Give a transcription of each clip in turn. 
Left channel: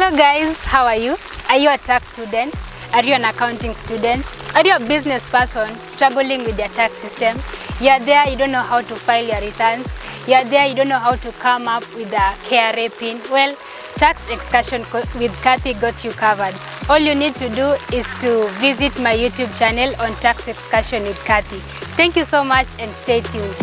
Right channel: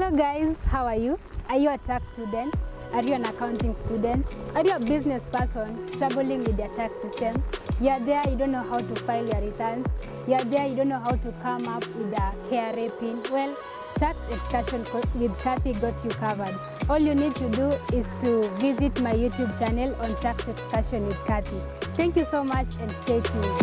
Hello guys, how are you? Are you a tax student? Are you an accounting student? Are you a business person struggling with your tax system? You're there, you don't know how to file your returns. You're there, you don't know how to come up with a KRA PIN. Well, Tax Excursion with Kathy got you covered. All you need to do is to visit my YouTube channel on Tax Excursion with Kathy. Thank you so much and stay tuned.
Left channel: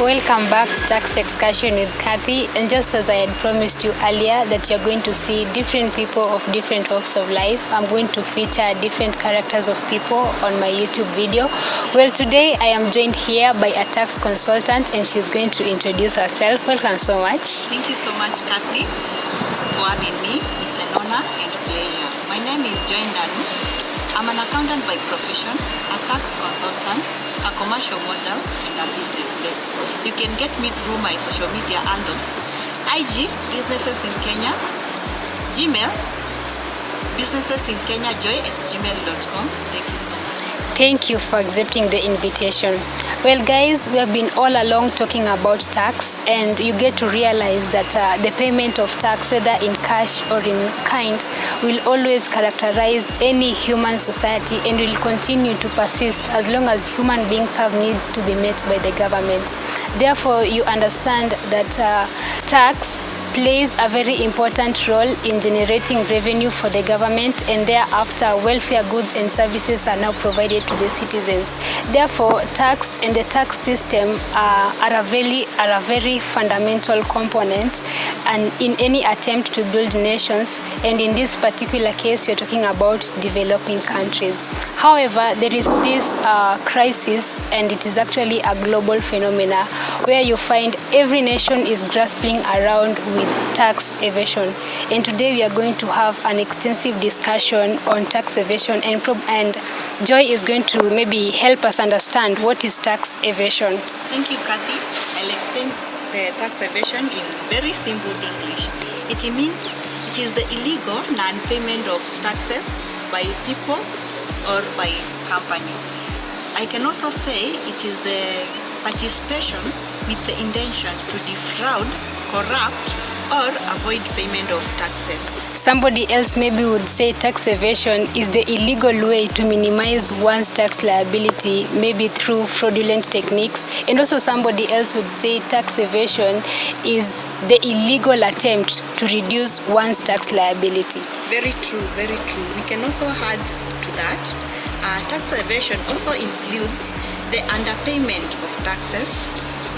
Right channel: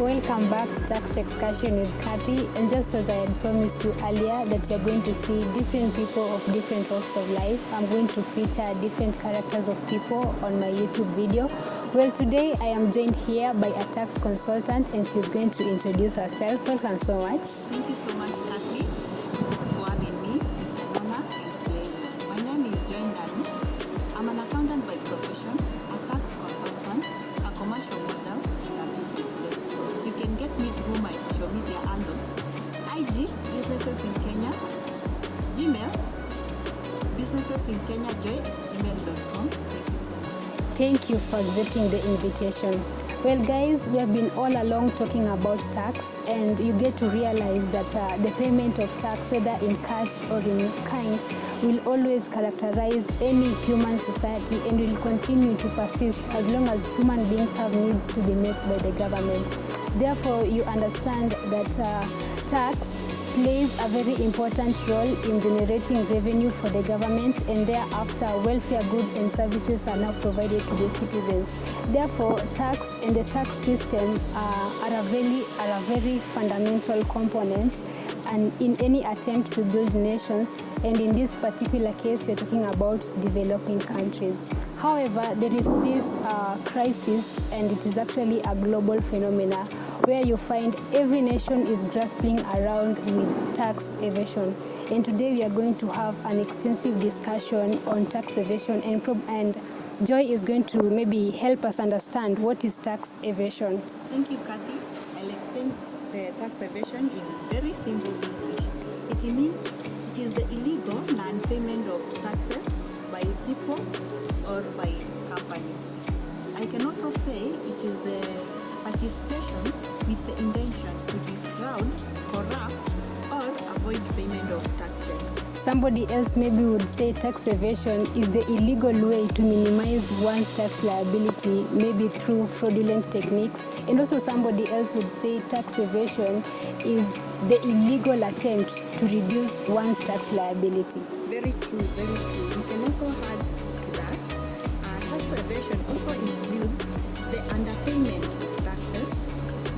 Welcome back to Tax Excursion with Kathy, and just as I had promised you earlier that you're going to see different people of different walks of life, I'm going to feature different characters of people on my YouTube video. Well, today I am joined here by a tax consultant and she's going to introduce herself. Welcome so much. Thank you so much, Kathy, for having me. It's an honor and pleasure. My name is Joy Ndanu. I'm an accountant by profession, a tax consultant, a commercial model, and a business lady. You can get me through my social media handles: IG, Businesses in Kenya, Gmail, businessesinkenyajoy@gmail.com. Thank you so much. Thank you for accepting the invitation. Well guys, we have been all along talking about tax, and you get to realize that the payment of tax, whether in cash or in kind, will always characterize any human society and will continue to persist as long as human beings have needs to be met by the government. Therefore, you understand that tax plays a very important role in generating revenue for the government, and thereafter welfare goods and services are now provided to the citizens. Therefore, tax and the tax system are a very fundamental component and in any attempt to build nations, and in this particular case we're talking about developing countries. However, there is this crisis, and it is actually a global phenomena where you find every nation is grasping around with tax evasion. And today we are going to have an extensive discussion on tax evasion, and Joy is going to maybe help us understand what is tax evasion. Thank you, Kathy. I'll explain the tax evasion in very simple English. It means it is the illegal non-payment of taxes by people or by company. I can also say it is the participation with the intention to defraud, corrupt, or avoid payment of taxes. Somebody else maybe would say tax evasion is the illegal way to minimize one's tax liability, maybe through fraudulent techniques. And also somebody else would say tax evasion is the illegal attempt to reduce one's tax liability. Very true, very true. We can also add to that, tax evasion also includes the underpayment of taxes,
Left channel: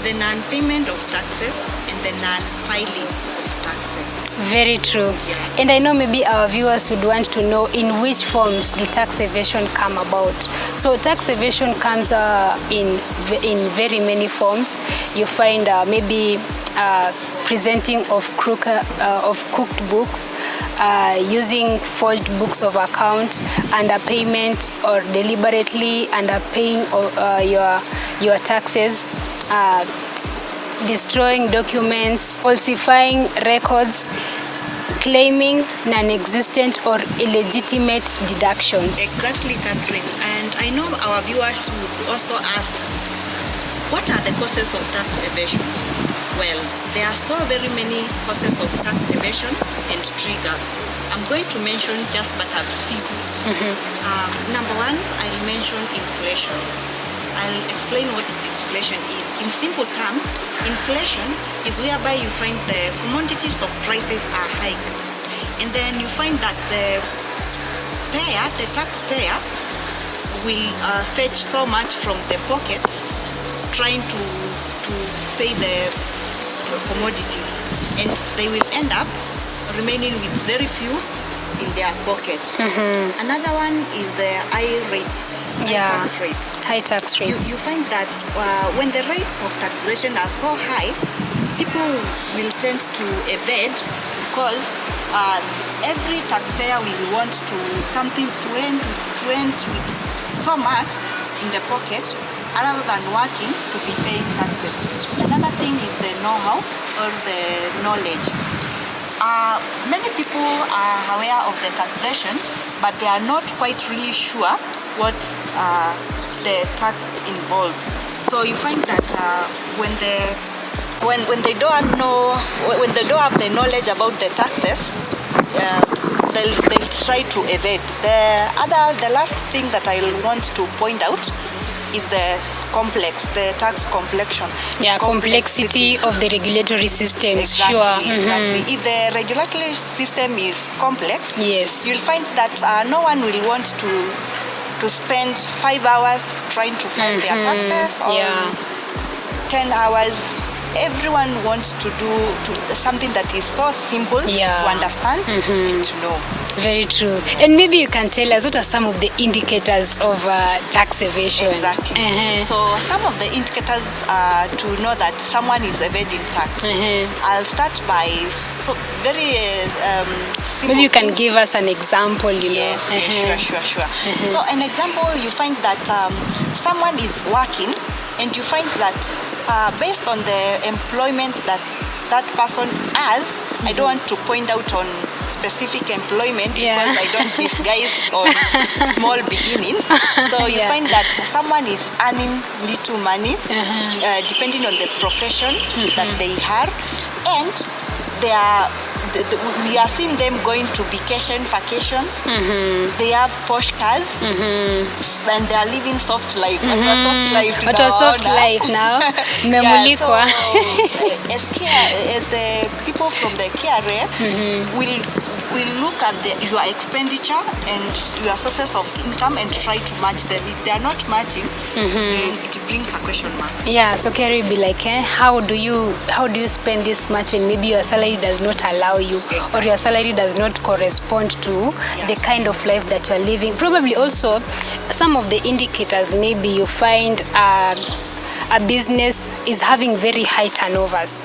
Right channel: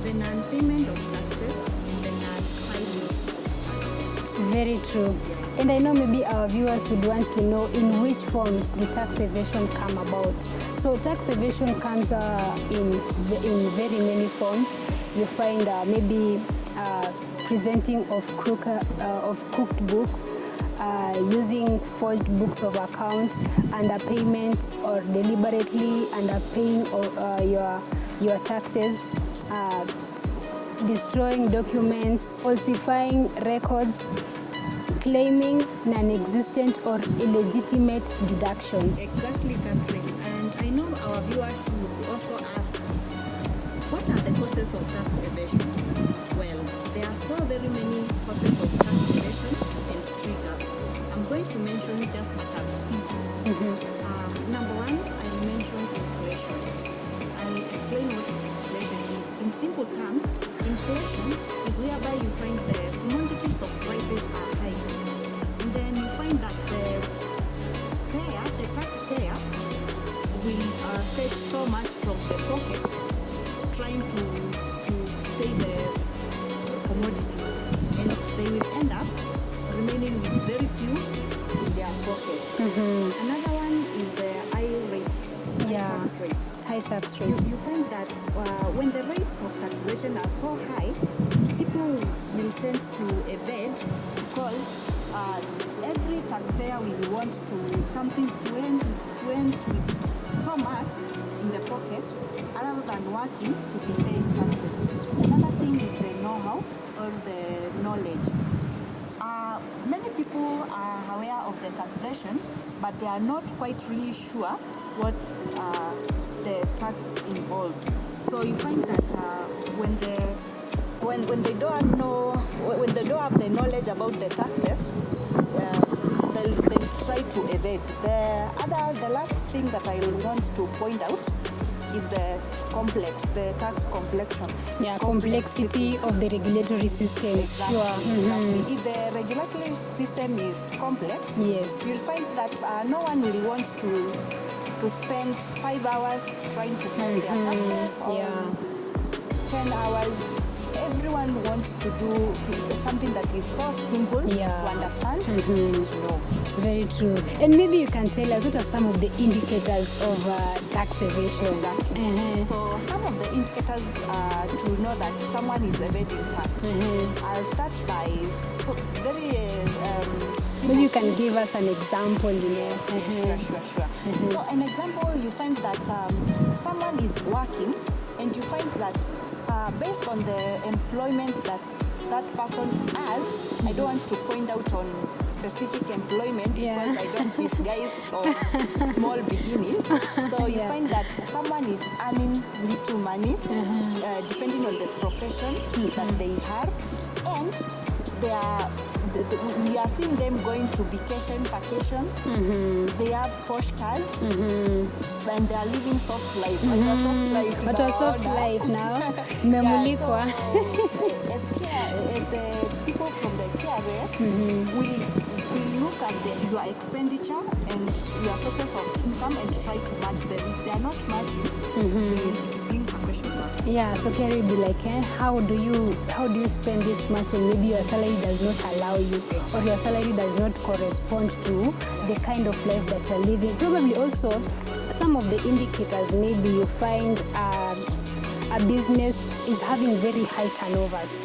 the non-payment of taxes, and the non-filing of taxes. Very true. Yeah. And I know maybe our viewers would want to know in which forms do tax evasion come about. So tax evasion comes in very many forms. You find maybe presenting of cooked books, using forged books of account, underpayment, or deliberately underpaying your taxes, destroying documents, falsifying records, claiming non-existent or illegitimate deductions. Exactly, Catherine. And I know our viewers would also ask, what are the causes of tax evasion? Well, there are so very many causes of tax evasion and triggers. I'm going to mention just but a few. Number one, I'll mention inflation. I'll explain what inflation is. In simple terms, inflation is whereby you find the commodities of prices are hiked, and then you find that the taxpayer will fetch so much from the pockets trying to pay the commodities, and they will end up remaining with very few in their pockets. Another one is the high rates, tax rates. High tax rates. You find that when the rates of taxation are so high, people will tend to evade because every taxpayer will want to something to end with so much in the pocket rather than working to be paying taxes. Another thing is the know-how or the knowledge. Many people are aware of the taxation, but they are not quite really sure what the tax involved. So you find that when they don't know, when they don't have the knowledge about the taxes, they'll try to evade. The last thing that I want to point out is the tax complexion. Yeah, complexity of the regulatory system. Exactly, sure. Exactly. If the regulatory system is complex, yes, you'll find that no one will want to spend 5 hours trying to file their taxes or 10 hours. Everyone wants to do something that is so simple to understand and to know. Very true. And maybe you can tell us what are some of the indicators of tax evasion. Exactly. So some of the indicators to know that someone is evading tax. I'll start by very simple. Maybe you can give us an example. Yes, sure. So an example, you find that someone is working, and you find that based on the employment that person has, I don't want to point out on specific employment because I don't disguise on small beginnings. So you find that someone is earning little money depending on the profession that they have, and we are seeing them going to vacations. They have posh cars, and they are living soft life. What a soft life now. Memulikwa. So, as the people from the KRA will look at your expenditure and your sources of income and try to match them. If they are not matching, then it brings a question mark. Yeah, so Kerry will be like, how do you spend this much, and maybe your salary does not allow you, or your salary does not correspond to the kind of life that you're living. Probably also some of the indicators, maybe you find a business is having very high turnovers.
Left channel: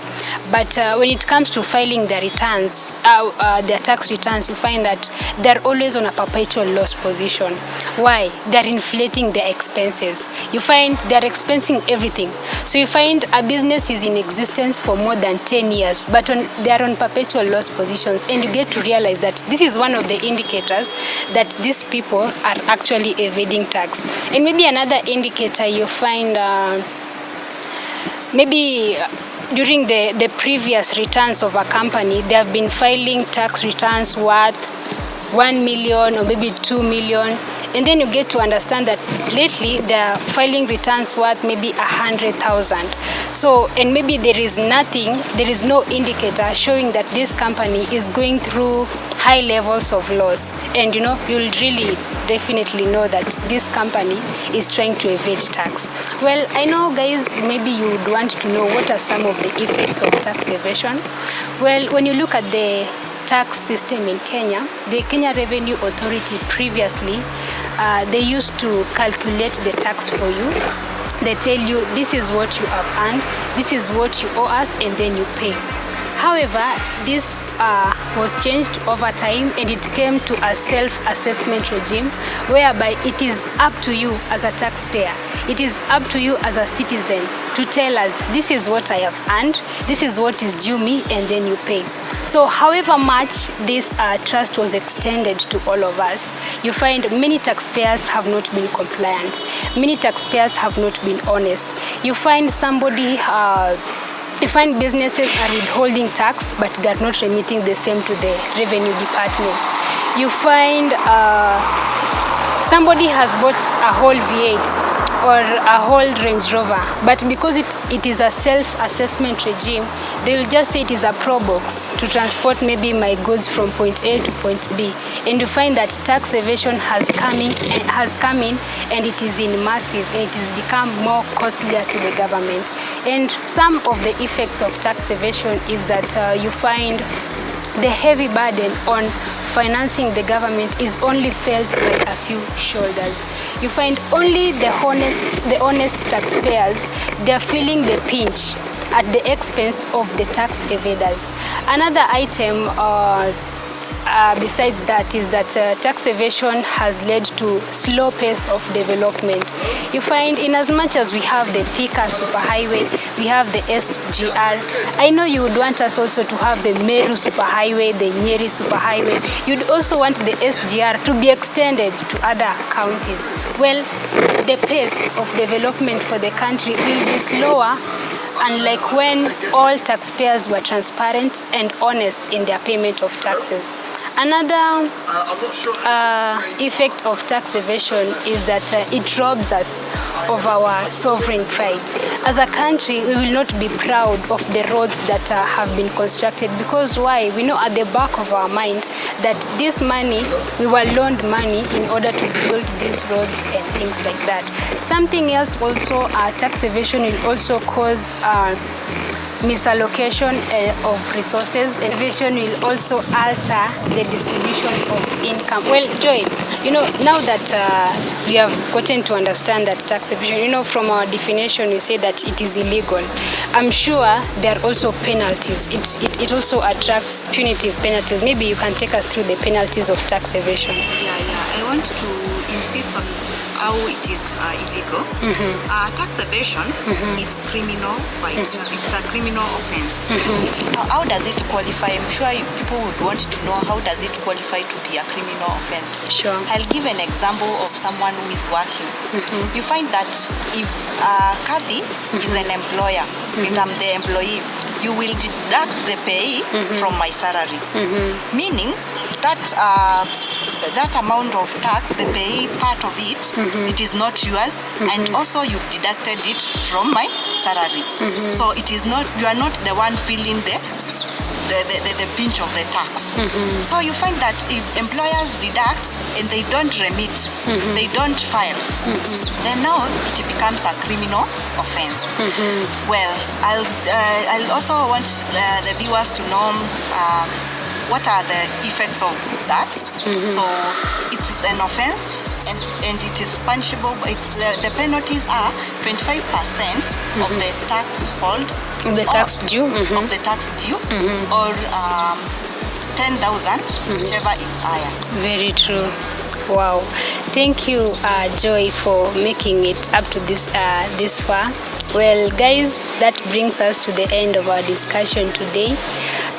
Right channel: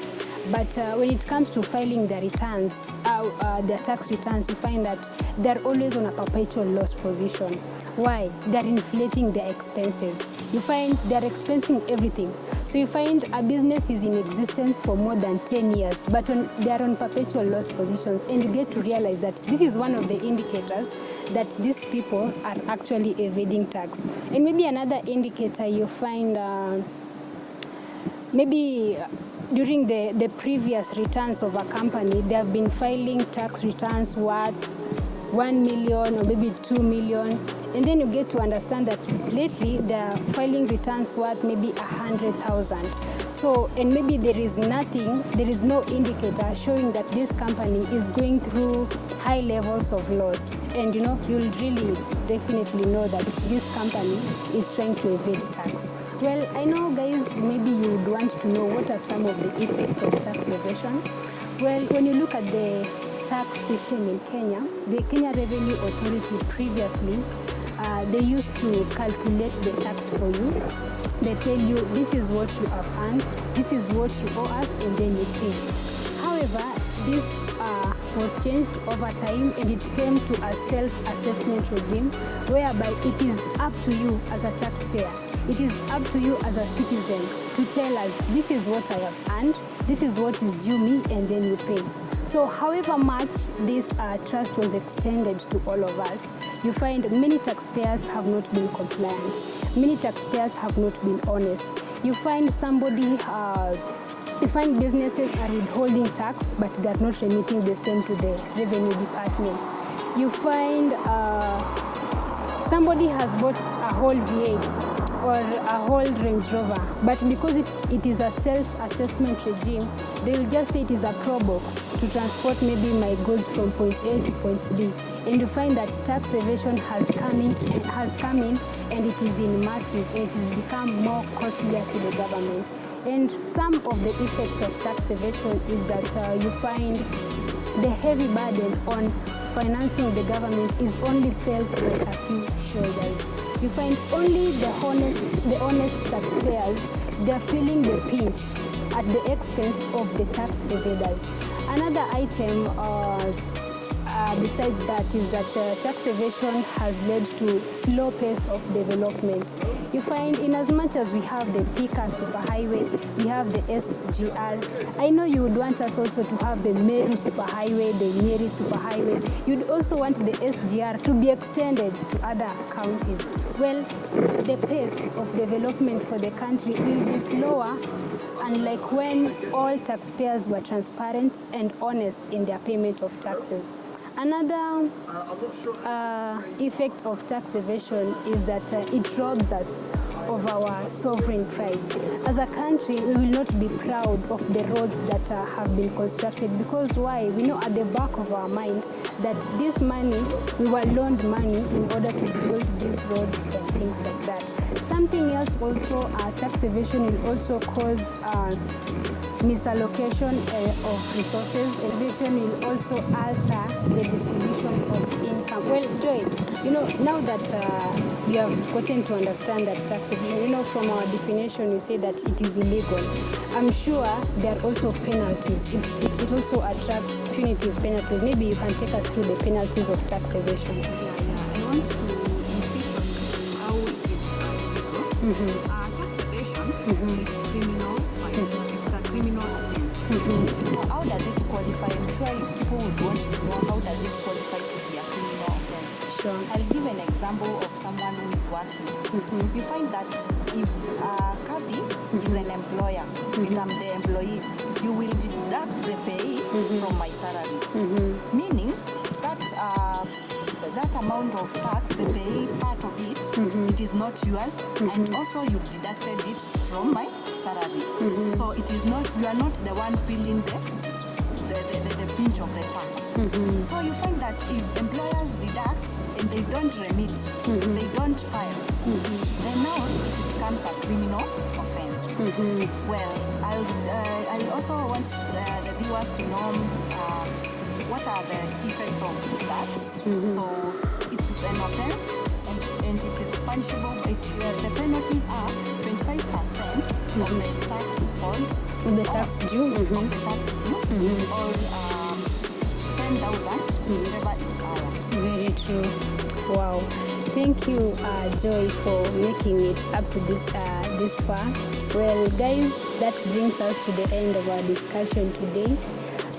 But when it comes to filing their returns, their tax returns, you find that they're always on a perpetual loss position. Why? They're inflating their expenses. You find they're expensing everything. So you find a business is in existence for more than 10 years, but they're on perpetual loss positions. And you get to realize that this is one of the indicators that these people are actually evading tax. And maybe another indicator you find, maybe during the previous returns of a company, they have been filing tax returns worth 1 million or maybe 2 million. And then you get to understand that lately they're filing returns worth maybe 100,000. So, and maybe there is no indicator showing that this company is going through high levels of loss. And you'll really definitely know that this company is trying to evade tax. Well, I know guys, maybe you would want to know what are some of the effects of tax evasion. Well, when you look at the tax system in Kenya, the Kenya Revenue Authority previously, they used to calculate the tax for you. They tell you this is what you have earned, this is what you owe us, and then you pay. However, this was changed over time, and it came to a self-assessment regime whereby it is up to you as a taxpayer, it is up to you as a citizen to tell us this is what I have earned, this is what is due me, and then you pay. So however much this trust was extended to all of us, you find many taxpayers have not been compliant, many taxpayers have not been honest. You find businesses are withholding tax, but they are not remitting the same to the revenue department. You find somebody has bought a whole V8 or a whole Range Rover, but because it is a self-assessment regime, they will just say it is a pro box to transport maybe my goods from point A to point B. And you find that tax evasion has come in and it is in massive, and it has become more costlier to the government. And some of the effects of tax evasion is that you find the heavy burden on financing the government is only felt by a few shoulders. You find only the honest taxpayers, they're feeling the pinch at the expense of the tax evaders. Another item besides that is that tax evasion has led to slow pace of development. You find in as much as we have the Thika superhighway, we have the SGR. I know you would want us also to have the Meru superhighway, the Nyeri superhighway. You'd also want the SGR to be extended to other counties. Well, the pace of development for the country will be slower, unlike when all taxpayers were transparent and honest in their payment of taxes. Another effect of tax evasion is that it robs us of our sovereign pride. As a country, we will not be proud of the roads that have been constructed, because why? We know at the back of our mind that this money, we were loaned money in order to build these roads and things like that. Something else also, tax evasion will also cause misallocation of resources. Evasion will also alter the distribution of income. Well, Joy, now that we have gotten to understand that tax evasion, from our definition, we say that it is illegal. I'm sure there are also penalties. It also attracts punitive penalties. Maybe you can take us through the penalties of tax evasion. Yeah. I want to insist on how it is illegal. Tax evasion is criminal. It's a criminal offense. How does it qualify? I'm sure people would want to know, how does it qualify to be a criminal offense? Sure. I'll give an example of someone who is working. You find that if Kathy is an employer and I'm the employee, you will deduct the pay from my salary. Meaning that amount of tax, the pay part of it, it is not yours, and also you've deducted it from my salary. So it is not, you are not the one feeling the pinch of the tax. So you find that if employers deduct and they don't remit, they don't file, then now it becomes a criminal offense. Well, I'll also want the viewers to know what are the effects of that. So it's an offense, and it is punishable. The penalties are 25% of the tax hold, The tax due. of the tax due, or 10,000, whichever is higher. Very true. Wow. Thank you, Joy, for making it up to this far. Well, guys, that brings us to the end of our discussion today.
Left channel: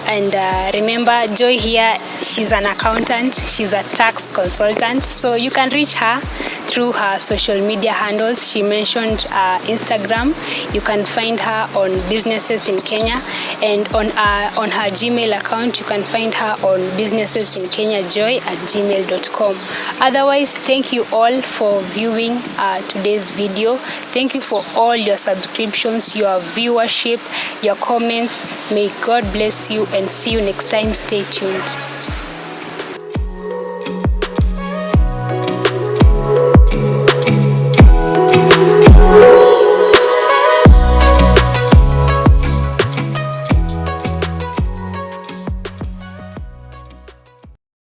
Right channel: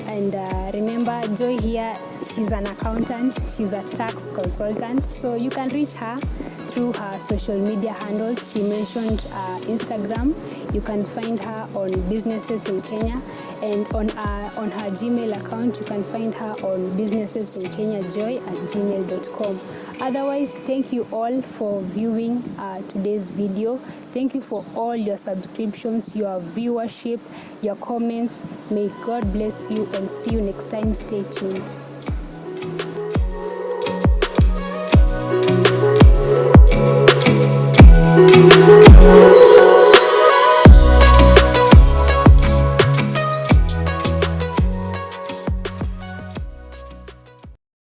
And remember, Joy here, she's an accountant, she's a tax consultant, so you can reach her through her social media handles. She mentioned Instagram. You can find her on Businesses in Kenya, and on her Gmail account, you can find her on businessesinkenyajoy@gmail.com. Otherwise, thank you all for viewing today's video. Thank you for all your subscriptions, your viewership, your comments. May God bless you, and see you next time. Stay tuned.